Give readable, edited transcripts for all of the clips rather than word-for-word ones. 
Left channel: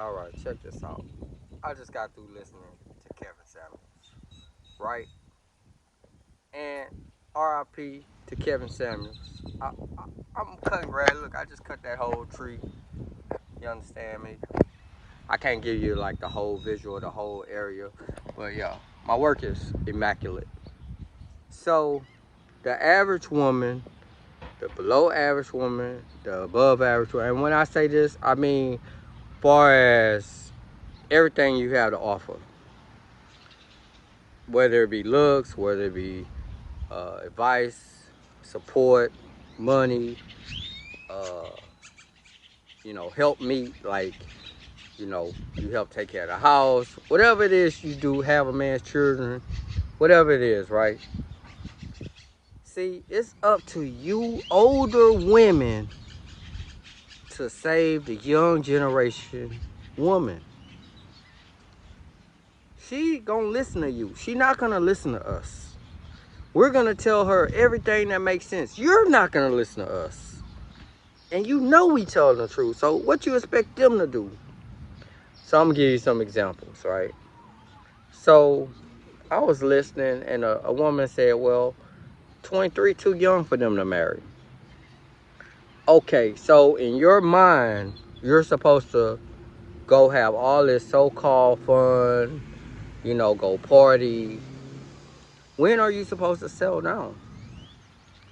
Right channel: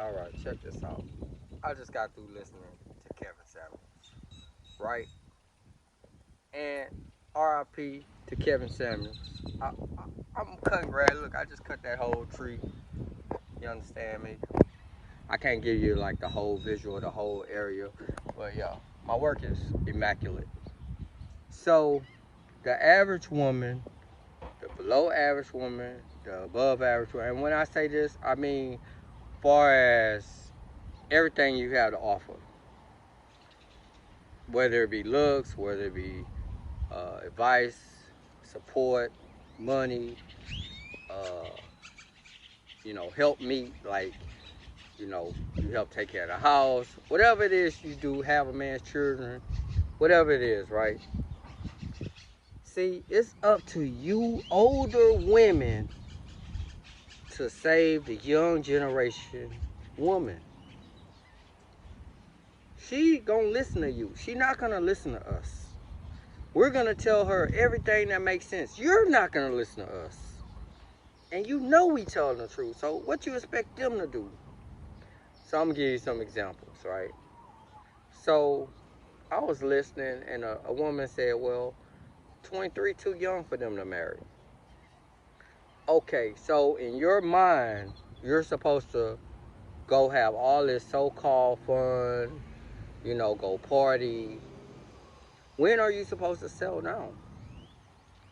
All right, check this out. I just got through listening to Kevin Samuels, right? And RIP to Kevin Samuels. I'm cutting grass. Look, I just cut that whole tree. You understand me? I can't give you like the whole visual of the whole area, but yeah, my work is immaculate. So, the average woman, the below average woman, the above average woman, and when I say this, I mean far as everything you have to offer, whether it be looks, whether it be advice, support, money, uh, help me, like, you help take care of the house, whatever it is you do, have a man's children, whatever it is, right? See, it's up to you older women to save the young generation woman. She gonna listen to you. She not gonna listen to us. We're gonna tell her everything that makes sense. You're not gonna listen to us. And you know we tell the truth. So what you expect them to do? So I'm gonna give you some examples, right? So I was listening and a woman said, well, 23 too young for them to marry. Okay, so in your mind, you're supposed to go have all this so-called fun, go party. When are you supposed to settle down?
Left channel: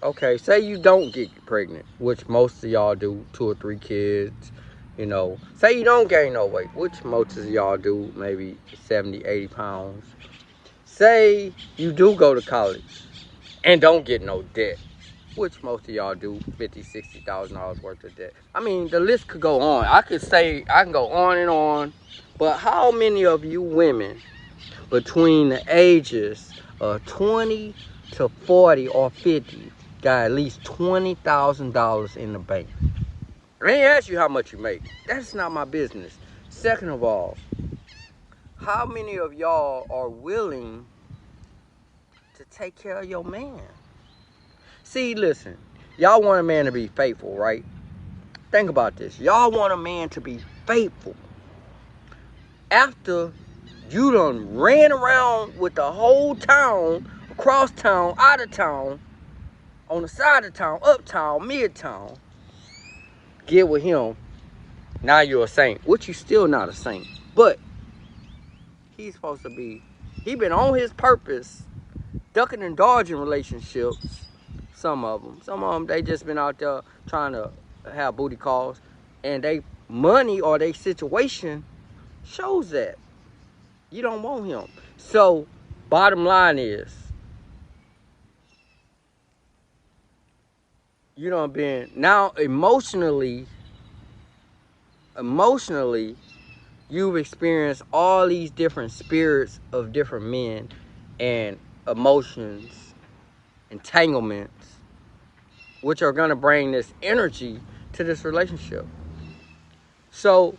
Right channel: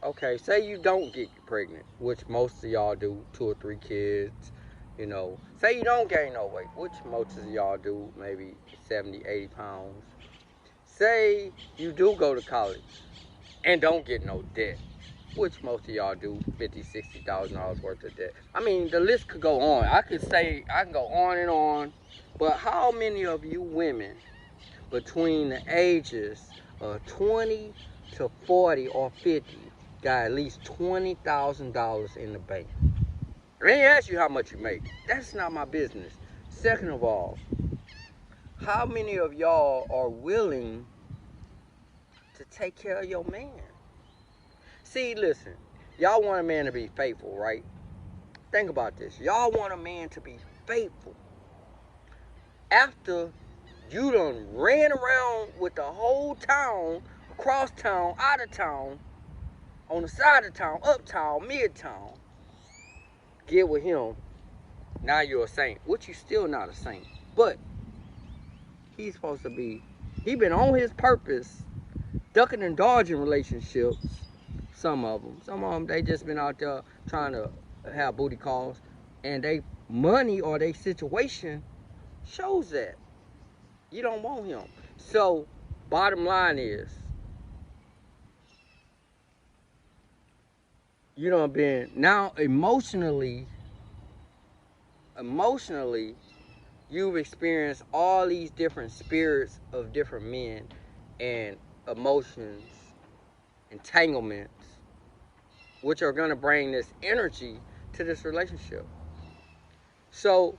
Okay, say you don't get pregnant, which most of y'all do, 2 or 3 kids, Say you don't gain no weight, which most of y'all do, maybe 70, 80 pounds. Say you do go to college and don't get no debt, which most of y'all do, $50,000, $60,000 worth of debt. I mean, the list could go on. I can go on and on, but how many of you women between the ages of 20 to 40 or 50 got at least $20,000 in the bank? I ain't ask you how much you make. That's not my business. Second of all, how many of y'all are willing to take care of your man? See, listen, y'all want a man to be faithful, right? Think about this. Y'all want a man to be faithful after you done ran around with the whole town, across town, out of town, on the side of town, uptown, midtown. Get with him. Now you're a saint, which you still not a saint. But he's supposed to be, he been on his purpose, ducking and dodging relationships. Some of them, they just been out there trying to have booty calls, and they money or they situation shows that you don't want him. So bottom line is, you done been now emotionally you've experienced all these different spirits of different men and emotions, entanglements, which are gonna bring this energy to this relationship. So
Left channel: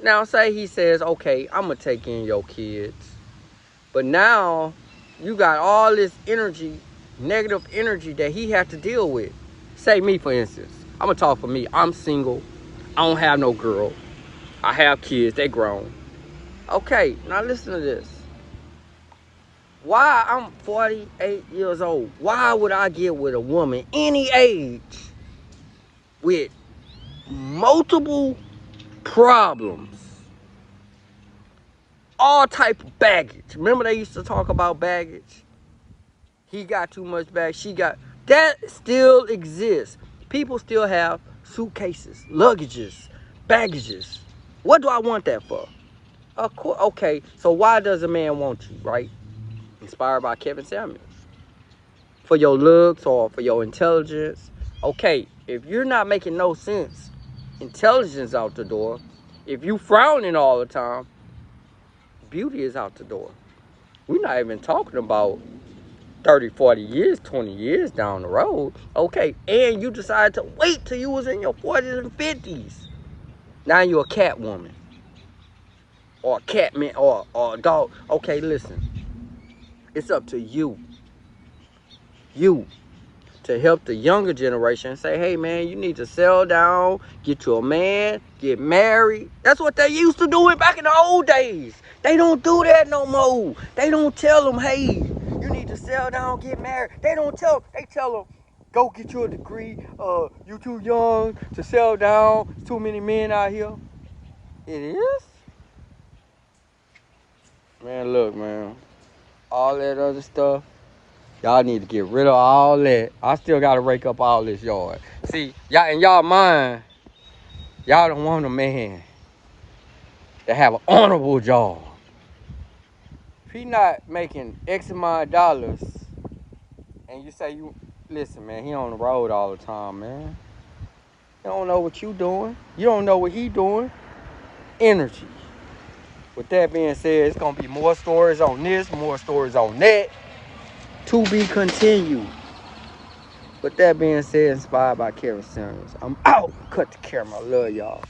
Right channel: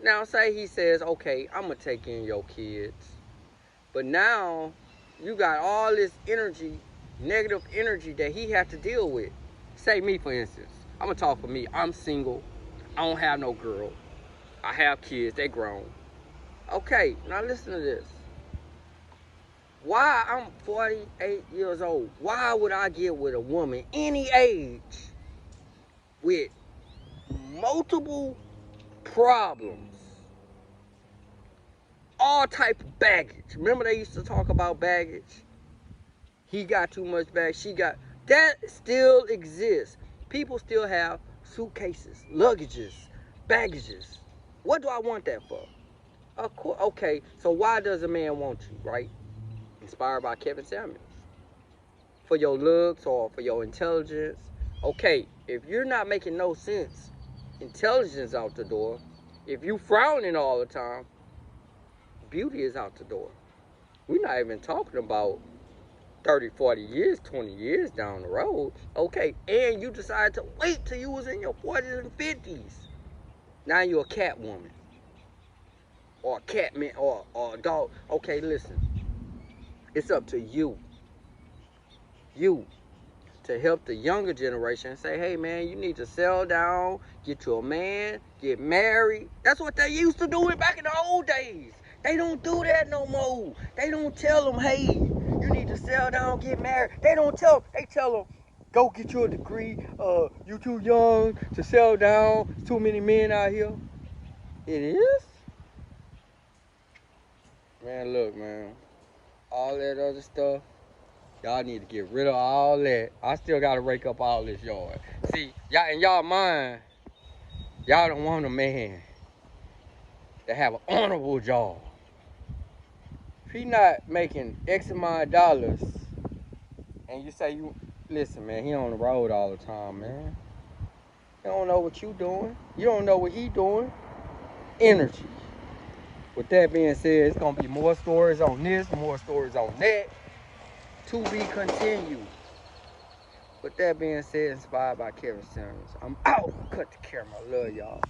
now say he says, okay, I'm gonna take in your kids. But now you got all this energy, negative energy that he has to deal with. Say me, for instance. I'm gonna talk for me. I'm single. I don't have no girl. I have kids. They grown. Okay, now listen to this. Why I'm 48 years old? Why would I get with a woman any age with multiple problems, all type of baggage? Remember they used to talk about baggage? He got too much baggage. She got, that still exists. People still have suitcases, luggages, baggages. What do I want that for? Of course, okay, so why does a man want you, right? Inspired by Kevin Samuels. For your looks or for your intelligence. Okay, if you're not making no sense, intelligence out the door. If you frowning all the time, beauty is out the door. We're not even talking about 30, 40 years, 20 years down the road. Okay, and you decide to wait till you was in your 40s and 50s. Now you're a cat woman. Or a cat man, or a dog. Okay, listen. It's up to you. You to help the younger generation say, hey, man, you need to settle down, get you a man, get married. That's what they used to do back in the old days. They don't do that no more. They don't tell them, hey, you need to settle down, get married. They don't tell them. They tell them, go get you a degree. You too young to settle down. Too many men out here. It is? Man, look, man. All that other stuff. Y'all need to get rid of all that. I still got to rake up all this yard. See, y'all in y'all mind, y'all don't want a man to have an honorable job. If he not making X amount of dollars, and you say, listen, man, he on the road all the time, man. You don't know what you doing. You don't know what he doing. Energy. With that being said, it's going to be more stories on this, more stories on that. To be continued. With that being said, inspired by Kara Sanders. I'm out. Cut the camera. Love y'all.